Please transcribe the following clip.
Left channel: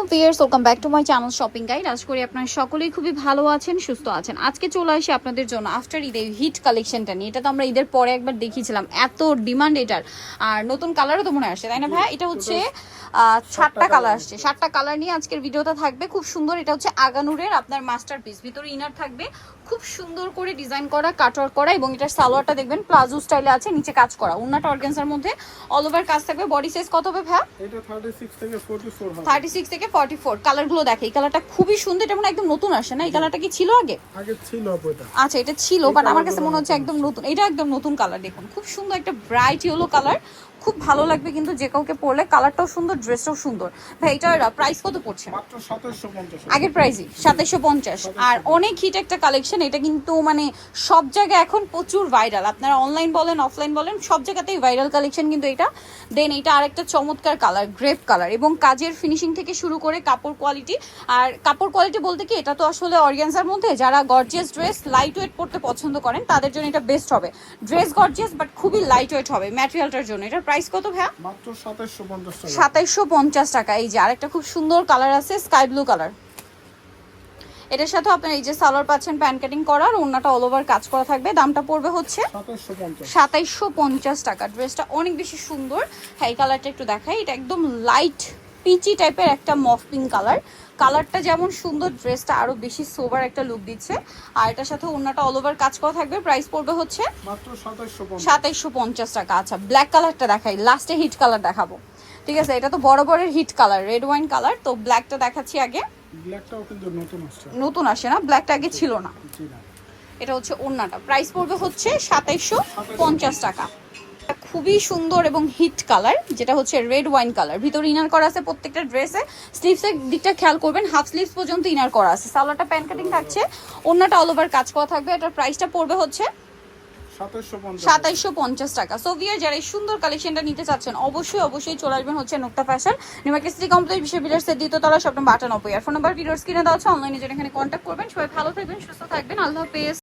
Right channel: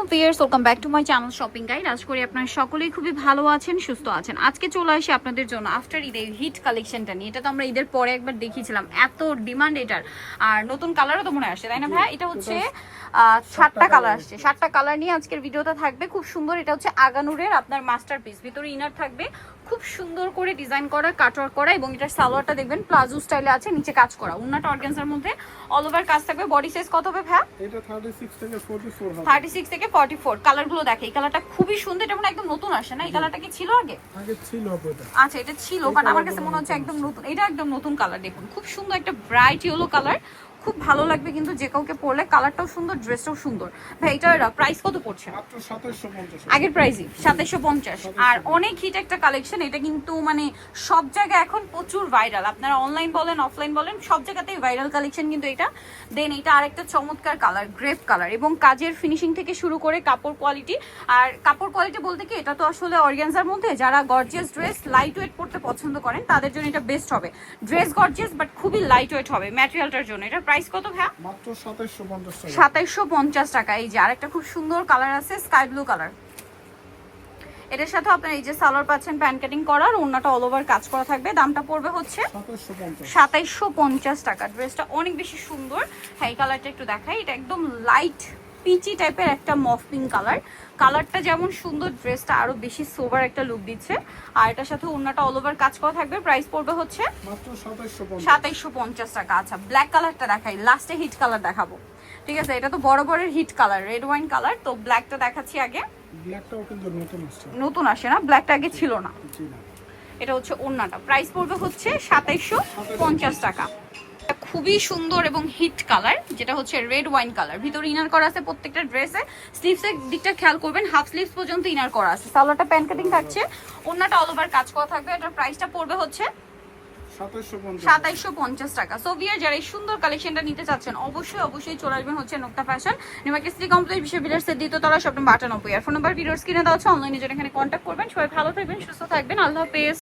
আসসালামু আলাইকুম viewers, welcome back to my channel shopping guide. আশা করি আপনারা সকলেই খুবই ভালো আছেন, সুস্থ আছেন। আজকে চলে আসি আপনাদের জন্য আফটার ঈদ এই হিট কালেকশনটা নিয়ে। এটা তো আমরা ঈদের পরে একবার দেখিয়েছিলাম, এত ডিমান্ড এটার। আর নতুন কালারও তো মনে আসছে, তাই না ভাই? এটা হচ্ছে 7টা কালার আসছে, 7টা কালার নিয়ে আজকের ভিডিওটা থাকবে। খুব সুন্দর, এটা হচ্ছে আগানুরের আপনার মাস্টারপিস। ভিতরে ইনার থাকবে, খুব সুন্দর করে ডিজাইন করা, কাটওয়ার্ক করা, এবং এটার সালোয়ারটা দেখবেন প্লাজো স্টাইলে আছে, নিচে কাজ করা। ওন্নাটা অর্গানজার মধ্যে অল ওভার কাজ থাকবে। বডি সাইজ কত হবে ভাই? এটা 36 থেকে 44 হবে। 36 থেকে 44। কালারগুলো দেখে, এই কালারটা খুবই সুন্দর। এটা মানে একদম নতুন আসে না? এই কালারটা কি ছিল আগে? আগে ছিল এটা। আচ্ছা, এটা ছিল, বাট আমার কাছে মনে হচ্ছে একদম নতুন। এটা একদম নতুন কালার। দেখুন খুব সুন্দর একটা ব্রাইট ইয়েলো কালার, খুব ভালো লাগবে কিন্তু যে কাউকে পরলে। কালারটাও সুন্দর, ড্রেসটাও সুন্দর। ভাই এটার প্রাইস কত পড়ছে? মাত্র 2750। আগের প্রাইসই 2750। আর অনেক হিট একটা কালেকশন এটা, কিন্তু মানে সব জায়গায় এখন প্রচুর ভাইরাল। আপনারা অনলাইন বলেন, অফলাইন বলেন, সব জায়গাতেই ভাইরাল কালেকশন কিন্তু এটা। দেন এটা আরেকটা চমৎকার কালার, গ্রেপ কালার, এবং কাজের ফিনিশিং থেকে শুরু করে কাপড় কোয়ালিটি। আর কাপড় কোয়ালিটি বলতে কি, এটা তো আসলে অর্গানজার মধ্যে যারা গর্জিয়াস ড্রেস লাইট ওয়েট পরতে পছন্দ করেন তাদের জন্য এটা বেস্ট হবে। ড্রেস গর্জিয়াস বাট খুবই লাইট ওয়েট হবে ম্যাটেরিয়ালটার জন্য। এটার প্রাইস কত ভাইয়া? মাত্র 2750 টাকা। 2750 টাকা। এই যে আরেকটা খুব সুন্দর কালার আছে, স্কাই ব্লু কালার। এটার সাথে আপনার এই যে সালোয়ার পাচ্ছেন প্যান্ট কাটিং করার, ওন্নাটা অল ওভার কাজ করা থাকবে। দামটা পড়বে হচ্ছে 2750 টাকা। ড্রেসটা অনেক বেশি সুন্দর। হ্যাঁ, এই কালারটা একটু দেখাই। এটা একদম লাইট পিচি টাইপের একটা মফ পিঙ্ক কালার। কালারটা যেমন সুন্দর, ড্রেসটা আরো বেশি সোবার একটা লুক দিচ্ছে। আর এটার সাথে ওন্নাটা অল ওভার কাজ করা থাকবে। প্রাইস পড়বে হচ্ছে মাত্র 2750 টাকা। আচ্ছা, ব্ল্যাক কালারটা দেখাই, লাস্টে হিট কালার দেখাবো। ঠিক আছে, এটা তো বরাবরের hit colour, red wine colour. তো ব্ল্যাকটা দেখাচ্ছি আগে। ব্ল্যাকটাও কিন্তু নতুন আসছে। নতুন আসে না, ব্ল্যাকটা আগে ছিল না। জি না। এটা হচ্ছে ওন্নাটা। প্রাইস পড়বে হচ্ছে 2750 টাকা। খুবই সুন্দর এবং হিট কালার, যেটা হচ্ছে রেড ওয়াইন কালার। ভিতরে ইনার করা আছে প্রত্যেকটা ড্রেসে। স্লিভসের দিকটা খেয়াল করবেন, হাফ স্লিভস পর্যন্ত ইনার করা আছে। সালোয়ারটা প্যান্ট কাটিং থাকছে, ওন্নাটা অল ওভার কাজ করা থাকবে। এটার প্রাইসটা পড়বে হচ্ছে 2750 টাকা। সো ভিউয়ার, যারা এই সুন্দর কালেকশনটা নিতে চাচ্ছেন অবশ্যই চলে আসবেন হচ্ছে Nukta Fashion, New Market City Complex, বিশ্ববিদ্যালয়ের দ্বিতীয়তলা, শপ নম্বর 98। আর ফোন নাম্বার ভিডিওর স্ক্রিনে দেওয়া আছে। অনলাইনে জন্য এখানে কন্ট্যাক্ট করবেন। সবাই ভালো থাকবেন, সুস্থ থাকবেন। আল্লাহ হাফেজ।